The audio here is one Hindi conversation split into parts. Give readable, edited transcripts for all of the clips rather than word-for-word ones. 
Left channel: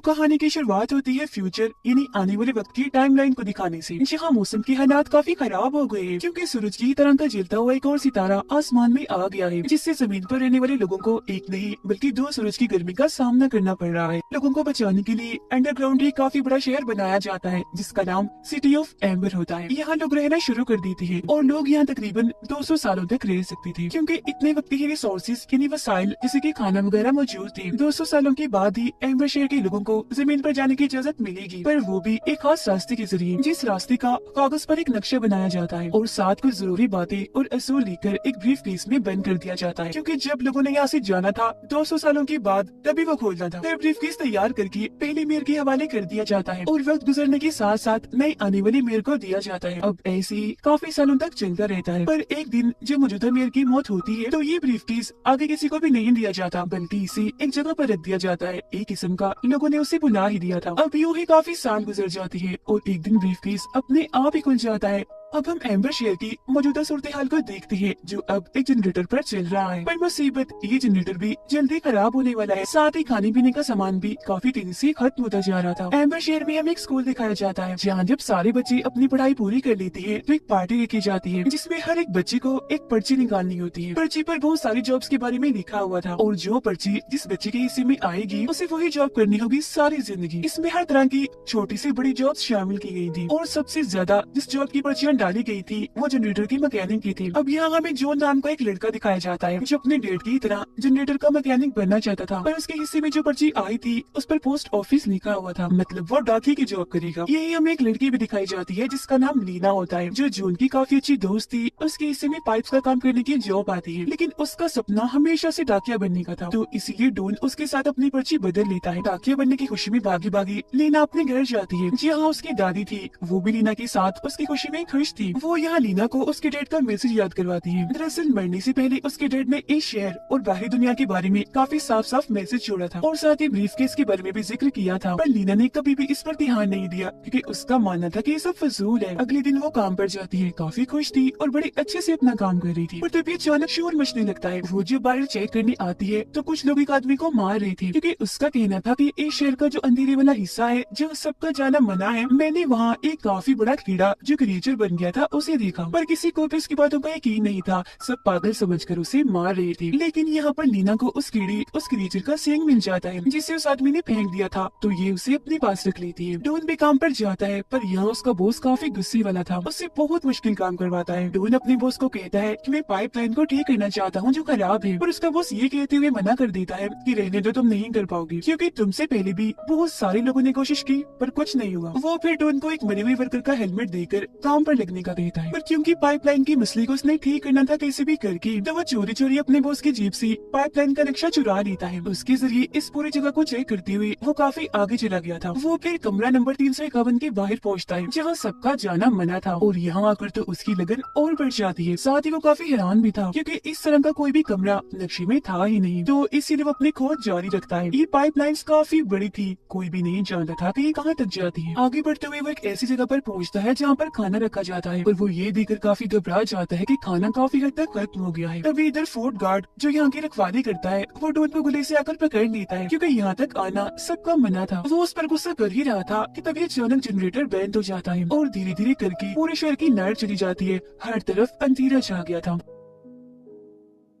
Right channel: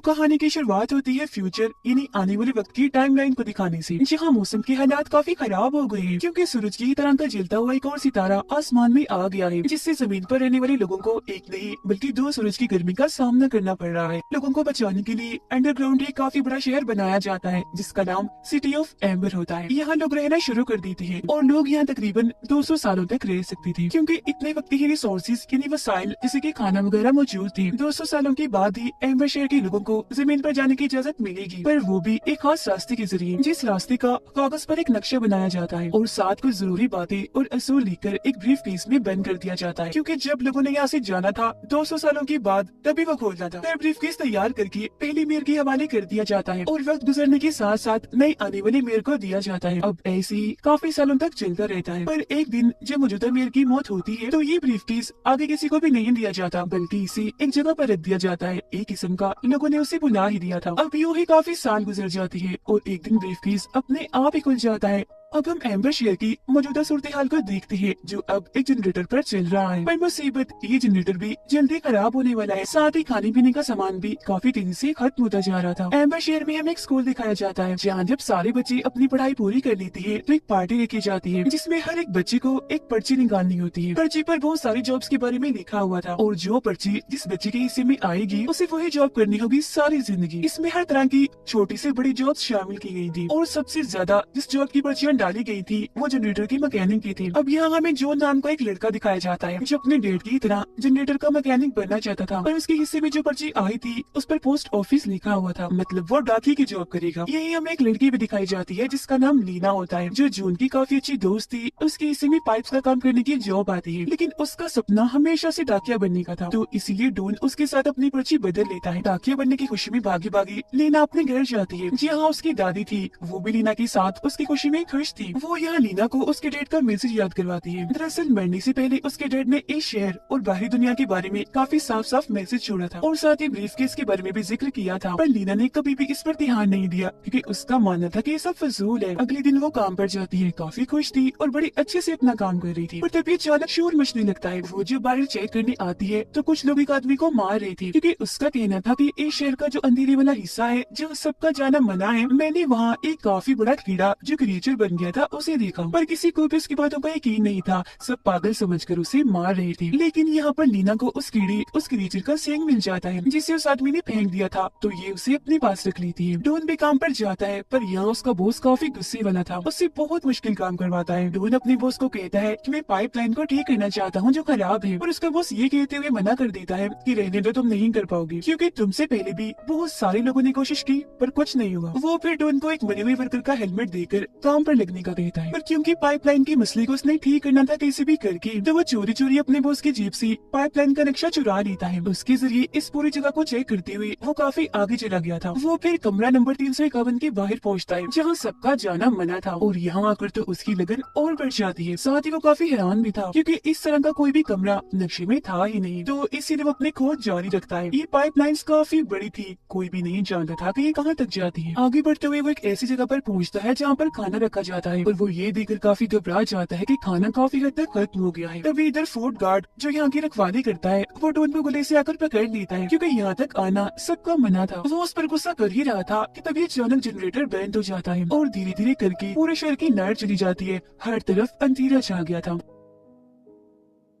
कहानी की शुरुआत होती है फ्यूचर यानी आने वाले वक्त की टाइमलाइन को दिखाने से, जहाँ मौसम के हालात काफी खराब हो गए हैं क्योंकि सूरज की तरह का जलता हुआ एक और सितारा आसमान में आ गया है, जिससे जमीन पर रहने वाले लोगों को एक नहीं बल्कि दो सूरज की गर्मी का सामना करना पड़ रहा है। लोगों को बचाने के लिए अंडरग्राउंड एक काफी बड़ा शहर बनाया जाता है जिसका नाम सिटी ऑफ एम्बर होता है। यहाँ लोग रहना शुरू कर देते हैं और लोग यहाँ तकरीबन 200 सालों तक रह सकते थे क्योंकि इतने वक्त ही रिसोर्सेज यानी वसाइल जैसे कि खाना वगैरह मौजूद थे। 200 सालों के बाद ही एम्बर शहर के लोगों को जमीन पर जाने की इजाजत मिलेगी, पर वो भी एक खास रास्ते के जरिए, जिस रास्ते का कागज पर एक नक्शा बनाया जाता है और साथ कुछ जरूरी बातें और असूल लिखकर एक ब्रीफ केस में बंद कर दिया जाता है, क्योंकि जब लोगों ने यहाँ से जाना था 200 सालों के बाद तभी वो खोलना था। फिर ब्रीफ केस तैयार करके पहले मेयर के हवाले कर दिया जाता है और वक्त गुजरने के साथ साथ नई आने वाले मेयर को दिया जाता है। अब ऐसे ही काफी सालों तक चलता रहता है, पर एक दिन जब मौजूदा मेयर की मौत होती है तो ये ब्रीफ केस आगे किसी को भी नहीं दिया जाता, बल्कि इसे एक जगह पर रख दिया जाता है। एक किस्म का लोगों ने उसे बुला ही दिया था। अब यूं ही काफी साल गुजर जाते हैं और एक दिन ब्रीफकेस अपने आप ही खुल जाता है। अब हम एम्बर शहर की मौजूदा सूरत हाल को देखते हैं जो अब एक जनरेटर पर चल रहा है, पर मुसीबत ये जनरेटर भी जल्दी खराब होने वाला है। साथ ही खाने पीने का सामान भी काफी तेजी से खत्म होता जा रहा था। एम्बर शहर में हमें एक स्कूल दिखाया जाता है जहाँ जब सारे बच्चे अपनी पढ़ाई पूरी कर लेते हैं तो एक पार्टी रखी जाती है जिसमें हर एक बच्चे को एक पर्ची निकालनी होती है। पर्ची पर बहुत सारी जॉब्स के बारे में लिखा हुआ था और जो पर्ची जिस बच्चे के हिस्से में आएगी उसे वही जॉब करनी होगी सारी जिंदगी। इसमें हर तरह की छोटी से बड़ी जॉब शामिल की गई थी और सबसे ज्यादा जिस जॉब की पर्चियां डाली गई थी वो जनरेटर की मैकेनिक की थी। अब यहाँ हमें जॉन नाम का एक लड़का दिखाया जाता है जो अपने डैड की तरह जनरेटर का मैकेनिक बनना चाहता था, पर उसके हिस्से में जो पर्ची आई थी उस पर पोस्ट ऑफिस लिखा हुआ था, मतलब वो डाकी की जॉब करेगा। यही हमें एक लड़की भी दिखाई जाती है जिसका नाम लीना होता है जो जॉन की काफी अच्छी दोस्त थी। उसके हिस्से में पाइप्स का काम करने की जॉब आती है, लेकिन उसका सपना हमेशा से डाकिया बनने का था, तो इसीलिए डॉन उसके साथ अपनी पर्ची बदल लेता है। डाकिया बनने की खुशी में भागी भागी लीना अपने घर जाती है जहाँ उसकी दादी थी, वो भी लीना के साथ उसकी खुशी में खुश थी। वो यहाँ लीना को उसके डैड का मैसेज याद करवाती है। दरअसल मरने से पहले उसके डैड ने इस शहर और बाहरी दुनिया के बारे में काफी साफ साफ मैसेज छोड़ा था और साथ ही ब्रीफकेस के बारे में भी जिक्र किया था, पर लीना ने कभी भी इस पर ध्यान नहीं दिया क्योंकि उसका मानना था कि ये सब फजूल है। अगले दिन वो काम पर जाती है, काफी खुश थी और बड़ी अच्छे से अपना काम कर रही थी, पर तभी अचानक शोर मचने लगता है। वो जब बाहर चेक करने आती है तो कुछ लोग एक आदमी को मार रहे थे क्योंकि उसका कहना था कि इस शहर का जो अंधेरे वाला हिस्सा है जो सबका जाना मना है, मैंने वहाँ एक काफी बड़ा कीड़ा जो क्रिएचर बन गया था उसे देखा, पर किसी को भी उसकी बातों का यकीन नहीं था। सब पागल समझकर उसे मार रहे थे, लेकिन यहाँ पर लीना को उस कीड़े उस क्रिएचर का सींग मिल जाता है जिसे उस आदमी ने फेंक दिया था, तो ये उसे अपने पास रख लेती है। डॉन भी काम पर जाता है, पर यहाँ उसका बॉस काफी गुस्से वाला था, उससे बहुत मुश्किल काम करवाता है। डॉन अपने बॉस को कहता है कि मैं पाइपलाइन को ठीक करना चाहता हूँ जो खराब है, पर उसका बॉस ये कहते हुए मना कर देता है कि रहने दो, तुम नहीं कर पाओगे क्योंकि तुमसे पहले भी बहुत सारे लोगों ने कोशिश की पर कुछ नहीं हुआ। वो फिर डॉन को एक मरे हुए वर्कर का हेलमेट देकर काम पर लगने का कहता है, पर क्योंकि पाइपलाइन के मसले को उसने ठीक करना था कैसे भी करके, तो वो चोरी चोरी अपने बॉस के जेब से पाइपलाइन का नक्शा चुरा लेता है। उसके जरिए इस पूरी जगह को चेक करते हुए वो काफी आगे चला गया था। वो फिर कमरा नंबर 351 के बाहर पहुंचता है जहां सबका जाना मना था, और यहाँ आकर तो उसकी लगन और बढ़ जाती है। साथ ही वो काफी हैरान भी था क्योंकि इस तरह का कोई भी कमरा नक्शे में था ही नहीं, तो इसीलिए वो अपनी खोज जारी रखता है। ये पाइपलाइन काफी बड़ी थी, कोई भी नहीं जानता था कि ये कहाँ तक जाती है। आगे बढ़ते हुए वो एक ऐसी जगह पर पहुँचता है जहाँ पर खाना रखा जाता है, और वो ये देखकर काफी घबरा जाता है कि खाना काफी हद तक खत्म हो गया है। तभी इधर फोर्ट गार्ड जो यहाँ की रखवाली करता है वो डॉन को गले से आकर पकड़ लेता है क्योंकि यहाँ तक आना सबका मना था। वो उस पर गुस्सा कर ही रहा था कि तभी अचानक जनरेटर बंद हो जाता है और धीरे धीरे करके पूरे शहर की लाइट चली जाती है। हर तरफ अंधेरा छा गया था।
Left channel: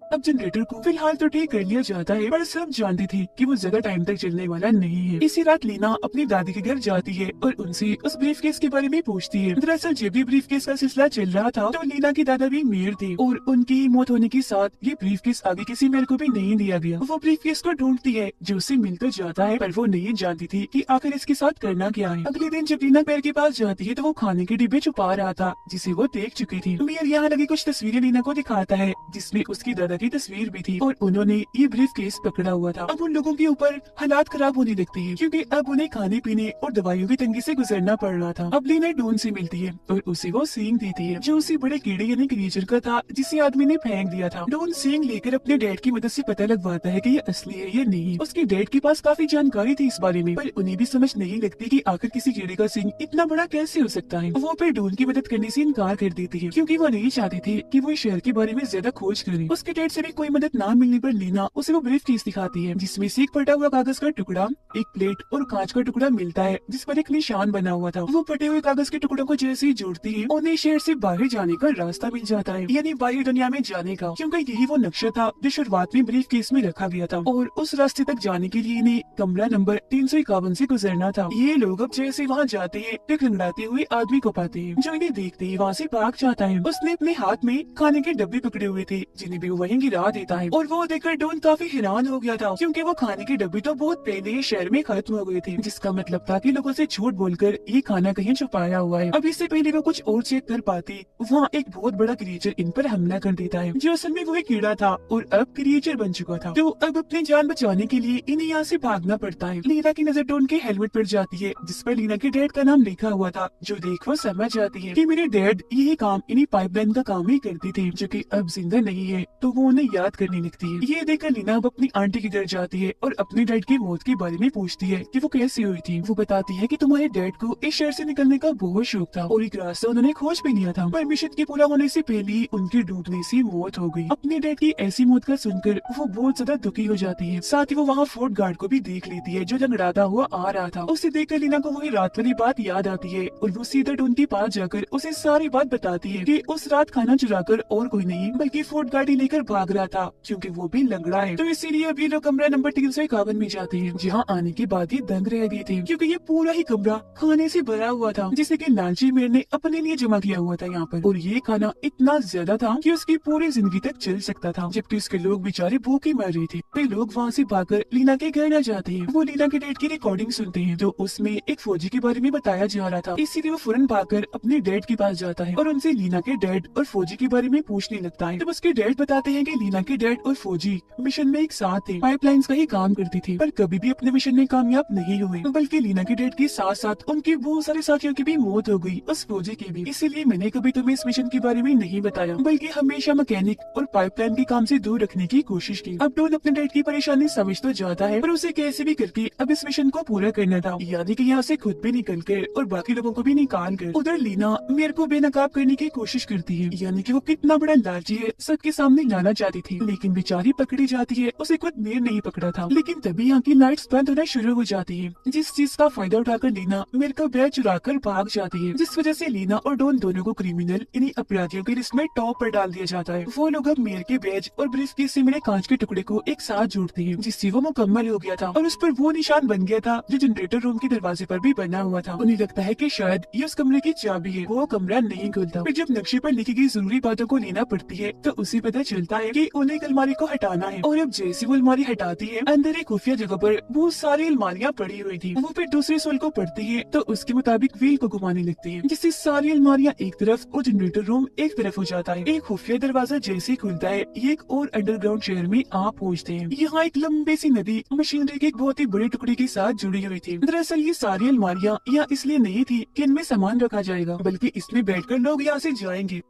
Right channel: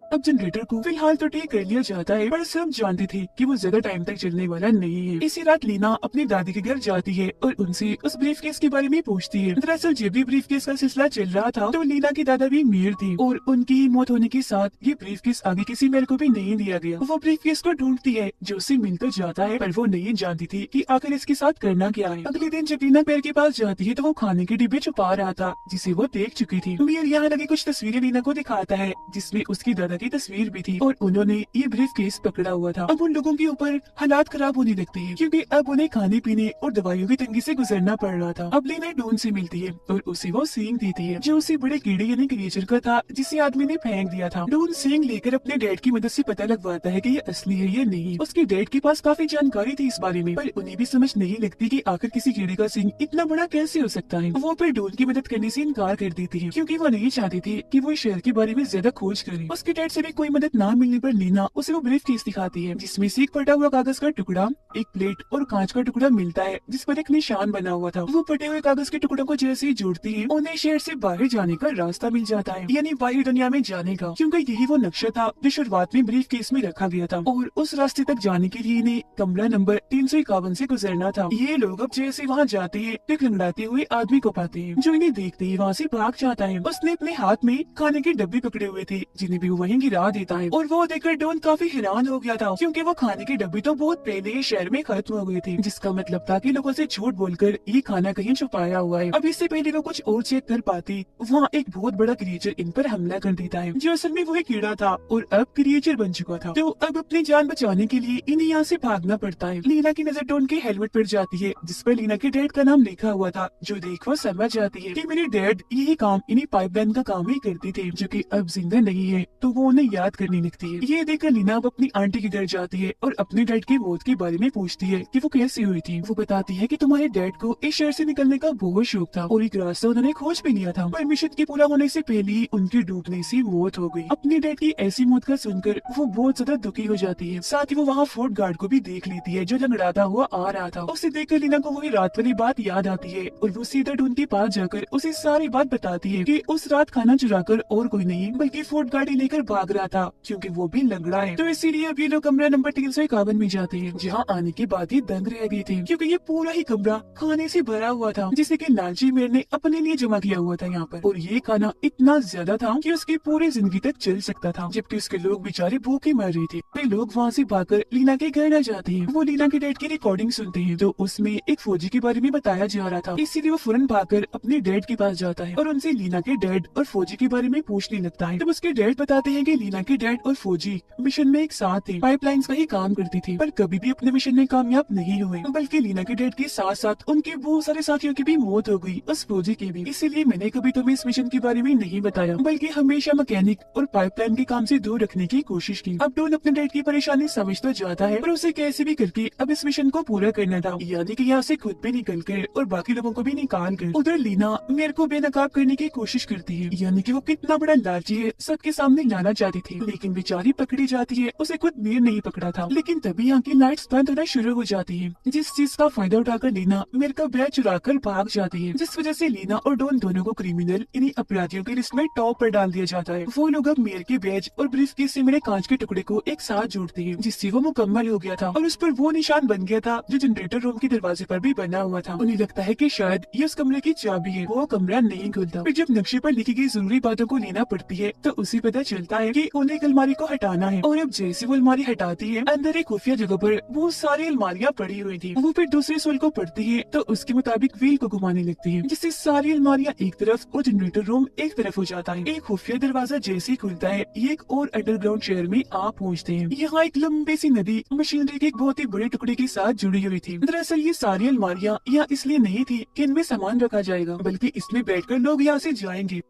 अब जनरेटर को फिलहाल तो ठीक कर लिया जाता है, पर सब जानते थे कि वो ज्यादा टाइम तक चलने वाला नहीं है। इसी रात लीना अपनी दादी के घर जाती है और उनसे उस ब्रीफकेस के बारे में पूछती है। दरअसल जब भी ब्रीफकेस का सिलसिला चल रहा था तो लीना की दादा भी मेयर थे और उनकी मौत होने के साथ ये ब्रीफकेस आगे किसी मेयर को भी नहीं दिया गया। वो ब्रीफकेस को ढूंढती है जो उससे मिल तो जाता है, पर वो नहीं जानती थी कि आखिर इसके साथ करना क्या है। अगले दिन जब लीना मेयर के पास जाती है तो वो खाने के डिब्बे छुपा रहा था जिसे वो देख चुकी थी। मेयर यहाँ लगी कुछ तस्वीरें लीना को दिखाता है जिसमें उसकी दादा की तस्वीर भी थी और उन्होंने ये ब्रीफकेस पकड़ा हुआ था। अब उन लोगों के ऊपर हालात खराब होने लगते हैं क्योंकि अब उन्हें खाने पीने और दवाइयों की तंगी से गुजरना पड़ रहा था। अब लीना डॉन से मिलती है और उसे वो सींग देती है जो उसी बड़े कीड़े यानी क्रिएचर का था जिसे आदमी ने फेंक दिया था। डॉन सींग लेकर अपने डैड की मदद से पता लगवाता है कि ये असली है या नहीं। उसके डैड के पास काफी जानकारी थी इस बारे में, पर उन्हें भी समझ नहीं लगती कि आखिर किसी कीड़े का सींग इतना बड़ा कैसे हो सकता है। वो फिर डॉन की मदद करने से इनकार कर देती है क्योंकि वो नहीं चाहती थी कि वो इस शहर के बारे में ज्यादा खोज करे। उसके डैड डैड से भी कोई मदद ना मिलने पर लीना उसे वो ब्रीफ केस दिखाती है जिसमें से एक फटा हुआ कागज का टुकड़ा, एक प्लेट और कांच का टुकड़ा मिलता है जिस पर एक निशान बना हुआ था। वो फटे हुए कागज के टुकड़ों को जैसे ही जोड़ती है उन्हें शहर से बाहर जाने का रास्ता मिल जाता है, यानी बाहर दुनिया में जाने का, क्योंकि यही वो नक्शा था जो शुरुआत में ब्रीफ केस में रखा गया था। और उस रास्ते तक जाने के लिए इन्हें कमरा नंबर 351 से गुजरना था। ये लोग अब जैसे वहाँ जाते हैं एक लंगड़ाते हुए आदमी को पाते हैं जो इन्हें देखते ही वहाँ से भाग जाता है। उसने अपने हाथ में खाने के डब्बे पकड़े हुए थे जिन्हें भी वो वहीं गिरा देता है, और वो देखकर डॉन काफी हैरान हो गया था क्योंकि वो खाने के डब्बे तो बहुत पहले ही शहर में खत्म हो गए थे, जिसका मतलब था कि लोगों से झूठ बोलकर ये खाना कहीं छुपाया हुआ है। अब इससे पहले वो कुछ और चेक कर पाते वहाँ एक बहुत बड़ा क्रिएचर इन पर हमला कर देता है जो असल में वो एक कीड़ा था और अब क्रिएचर बन चुका था। तो अब अपनी जान बचाने के लिए इन्हें यहाँ से भागना पड़ता है। लीना की नजर डॉन के हेलमेट पर जाती है जिस पर लीना के डैड का नाम लिखा हुआ था, जो देख वो समझ जाती है कि मेरे डैड यही काम इन्हीं पाइपलाइन का काम ही करते थे जो कि अब जिंदा नहीं है, तो वो उन्हें याद करने लगती है। ये देखकर लीना अब अपनी आंटी के घर जाती है और अपने डैड की मौत के बारे में पूछती है कि वो कैसे हुई थी। वो बताती है कि तुम्हारे डैड को इस शहर से निकलने का बहुत शौक था और एक रास्ता उन्होंने खोज भी लिया था, पर मिशन के पूरा होने से पहले ही उनके डूबने से मौत हो गई। अपने डैड की ऐसी मौत का सुनकर वो बहुत ज्यादा दुखी हो जाती है। साथ ही वो वहाँ फोर्ट गार्ड को भी देख लेती है जो लंगड़ाता हुआ आ रहा था। उसे देखकर लीना को वही रात वाली बात याद आती है और वो सीधा डॉन के पास जाकर उसे सारी बात बताती है कि उस रात खाना चुराकर और कोई नहीं बल्कि फोर्ट गार्ड ही लेकर भाग रहा था क्योंकि वो भी लंगड़ा है। तो इसीलिए अभी लोग कमरा नंबर 351 में जाते हैं जहाँ आने के बाद ही दंग रह गए थे क्योंकि ये पूरा ही कमरा खाने से भरा हुआ था जिसे कि लालची मेयर ने अपने लिए जमा किया हुआ था यहाँ पर, और ये खाना इतना ज्यादा था कि उसकी पूरी जिंदगी तक चल सकता था, जबकि उसके लोग बेचारे भूखे मर रहे थे। वे लोग वहाँ से भागकर लीना के घर आ जाते हैं। वो लीना के डैड की रिकॉर्डिंग सुनते हैं तो उसमें एक फौजी के बारे में बताया जा रहा था, इसीलिए वो फौरन भागकर अपने डैड के पास जाता है और उनसे लीना के डैड और फौजी के बारे में पूछने लगता है। तब उसके डैड बताते हैं कि लीना के डैड और फौजी मिशन में एक साथ थे, पाइपलाइंस का ही काम करते थे, पर कभी भी अपने मिशन में कामयाब नहीं हुए, बल्कि लीना के डैड के साथ साथ उनके बहुत सारे साथियों की भी मौत हो गई, उस फौजी की भी। इसीलिए मैंने कभी तुम्हें इस मिशन के बारे में नहीं बताया, बल्कि हमेशा मैकेनिक और पाइपलाइन के काम से दूर रखने की कोशिश की। अब डॉन अपने डैड की परेशानी समझ तो जाता है पर उसे कैसे भी करके अब इस मिशन को पूरा करना था, यानी कि यहाँ से खुद भी निकल कर और बाकी लोगों को भी निकाल कर। उधर लीना मेरे को बेनकाब करने की कोशिश करती है, यानी कि वो कितना बड़ा लालची है सबके सामने लाना चाहती थी, लेकिन बेचारी पकड़ी जाती है। उसे खुद मेयर नहीं पकड़ा था, लेकिन तभी यहाँ की लाइट्स बंद होना शुरू हो जाती है, जिस चीज का फायदा उठाकर लीना मेयर का बैग चुराकर भाग जाती है, जिस वजह से लीना और डॉन दोनों को क्रिमिनल इन्हीं अपराधियों की लिस्ट में टॉप पर डाल दिया जाता है। वो लोग अब मेयर के बैज और ब्रीफकेस से मिले कांच के टुकड़े को एक साथ जोड़ते हैं, जिससे वो मुकम्मल हो गया था और उस पर वो निशान बन गया था जो जनरेटर रूम के दरवाजे पर भी बना हुआ था। उन्हें लगता है कि शायद ये उस कमरे की चाबी है। वो कमरा नहीं खुलता। फिर जब नक्शे पर लिखी गई जरूरी बातों को लेना पड़ती है तो उसे पता चलता है कि उन्हें एक अलमारी को हटाना है, और अब जैसे वो अलमारी हटाती है अंदर एक खुफिया जगह पर बहुत सारी अलमारियां पड़ी हुई थी। वो फिर दूसरे सोल को पढ़ती है तो उसके मुताबिक व्हील को घुमाने लगती है, जिससे सारी अलमारियां एक तरफ और जनरेटर रूम एक तरफ हो जाता है। एक खुफिया दरवाजा जैसे खुलता है ये एक और अंडरग्राउंड शहर में आ पहुँचते हैं। यहाँ एक लंबी सी नदी मशीनरी के एक बहुत ही बड़े टुकड़े के साथ जुड़ी हुई थी। दरअसल ये सारी अलमारियां यहाँ इसलिए नहीं थी कि इनमें सामान रखा जाएगा, बल्कि इसमें बैठकर लोग यहाँ से जाएंगे।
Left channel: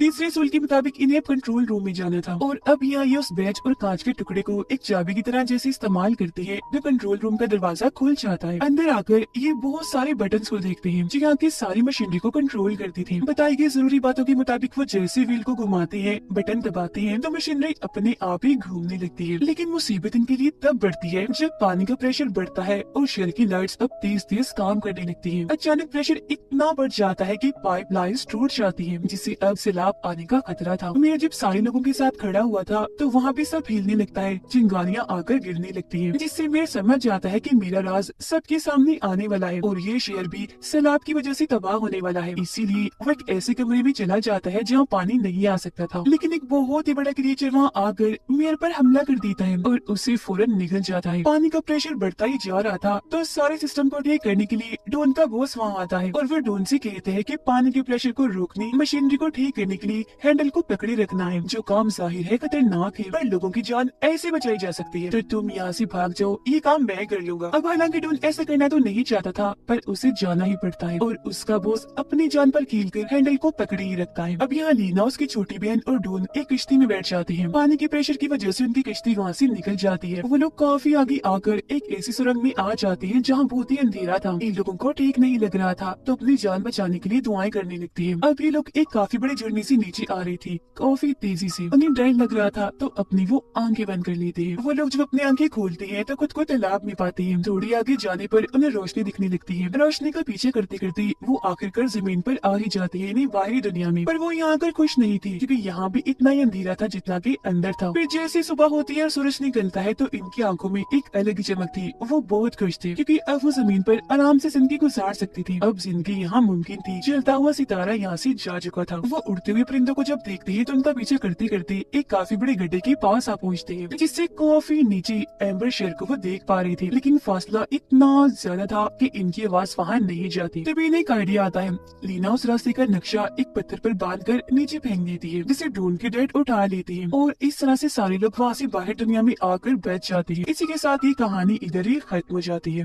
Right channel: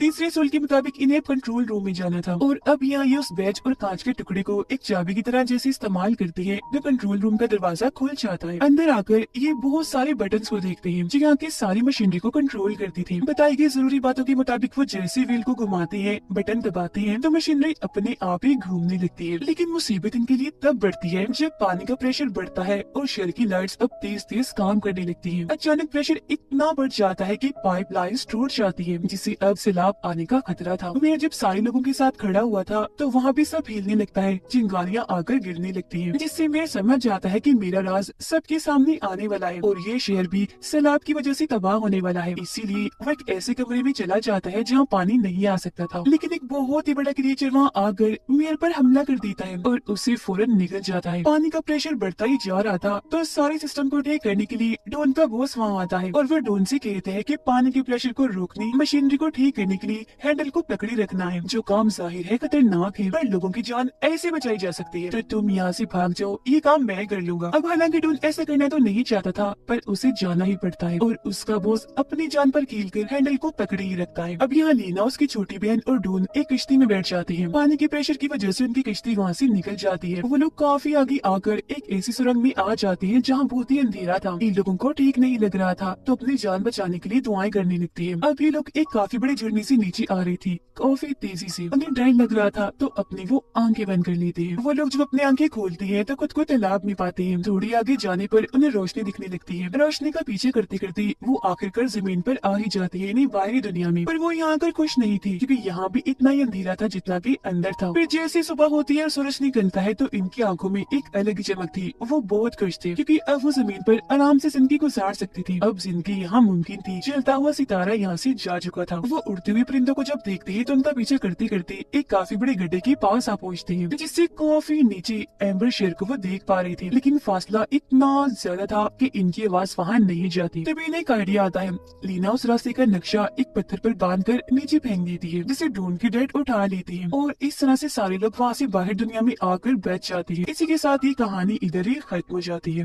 तीसरे सोल के मुताबिक इन्हें कंट्रोल रूम में जाना था, और अब यहाँ ये उस बैच और कांच के टुकड़े को एक चाबी की तरह जैसे इस्तेमाल करती है जो कंट्रोल रूम का दरवाजा खुल जाता है। अंदर आकर ये बहुत सारे बटन्स को देखते हैं जो यहाँ की सारी मशीनरी को कंट्रोल करती थी। बताई गई जरूरी बातों के मुताबिक वो जैसे व्हील को घुमाते हैं, बटन दबाते हैं तो मशीनरी अपने आप ही घूमने लगती है। लेकिन मुसीबत इनके लिए तब बढ़ती है जब पानी का प्रेशर बढ़ता है और शहर की लाइट्स अब तेज तेज काम करने लगती है। अचानक प्रेशर इतना बढ़ जाता है कि पाइप लाइन्स टूट जाती है, जिससे अब सैलाब आने का खतरा था। मैं जब सारे लोगों के साथ खड़ा हुआ था तो वहाँ भी सब हिलने लगता है, चिंगारियाँ आकर गिरने लगती हैं, जिससे मैं समझ जाता है कि मेरा राज सबके सामने आने वाला है और ये शहर भी सैलाब की वजह से तबाह होने वाला है। इसीलिए वो एक ऐसे कमरे में चला जाता है जहाँ पानी नहीं आ सकता था, लेकिन एक बहुत ही बड़ा क्रिएचर वहाँ आकर मेयर पर हमला कर देता है और उसे फौरन निकल जाता है। पानी का प्रेशर बढ़ता ही जा रहा था तो सारे सिस्टम को ठीक करने के लिए डॉन का बॉस वहाँ आता है और फिर डॉन से कहते हैं कि पानी के प्रेशर को रोकने, मशीनरी को ठीक करने के लिए हैंडल को पकड़े रखना है, जो काम जाहिर है खतरनाक है पर लोगों की जान ऐसे बचाई जा सकती है, तो तुम यहाँ से भाग जाओ, ये काम मैं कर लूंगा। अब हालांकि डॉन ऐसा करना तो नहीं चाहता था पर उसे जाना ही पड़ता है और उसका बॉस अपनी जान पर खेलकर हैंडल को पकड़े ही रखता है। अब यहाँ लीना, उसकी छोटी बहन और डॉन एक किश्ती में बैठ जाती है। पानी के प्रेशर की वजह से उनकी किश्ती वहाँ से निकल जाती है। वो लोग काफी आगे आकर एक ऐसी सुरंग में आ जाते हैं जहाँ बहुत ही अंधेरा था। इन लोगों को ठीक नहीं लग रहा था तो अपनी जान बचाने के लिए दुआएं करने लगती है। अब ये लोग एक काफी बड़े झरने से नीचे आ रही थी काफी तेजी से। उन्हें डर लग रहा था तो अपनी वो आंखें बंद कर लेते हैं। वो लोग जब अपनी आंखें खोलते हैं तो खुद को तलाब नहीं पाते हैं। थोड़ी आगे जाने पर उन्हें रोशनी दिखने लगती है। रोशनी का पीछे करते करते वो आखिरकार जमीन पर आ ही जाते हैं, बाहरी दुनिया में। पर वो यहाँ आकर खुश नहीं थी क्योंकि यहाँ भी इतना ही अंधेरा था जितना कि अंदर था। फिर जैसे सुबह होती है और सूरज निकलता है तो इनकी आंखों में एक अलग चमक थी। वो बहुत खुश थे क्योंकि अब वो जमीन पर आराम से जिंदगी गुजार सकती थी। अब जिंदगी यहाँ मुमकिन थी। चलता हुआ सितारा यहाँ से जा चुका था। वो उड़ते हुए परिंदों को जब देखते हैं तो उनका पीछा करते करते एक काफी बड़े गड्ढे के पास आ पहुँचते हैं, जिससे काफी नीचे एम्बर शेर को वो देख पा रही थी। लेकिन फासला इतना ज्यादा था कि इनकी आवाज वहाँ नहीं जाती। तभी इन्हें एक आइडिया आता है। लीना उस रास्ते का नक्शा एक पत्थर पर बांधकर नीचे फेंक देती है, जिसे ढूंढ के डैड उठा लेती है और इस तरह से सारे लोग वहाँ से बाहर दुनिया में आकर बैठ जाते हैं। इसी के साथ ही कहानी इधर ही खत्म हो जाती है।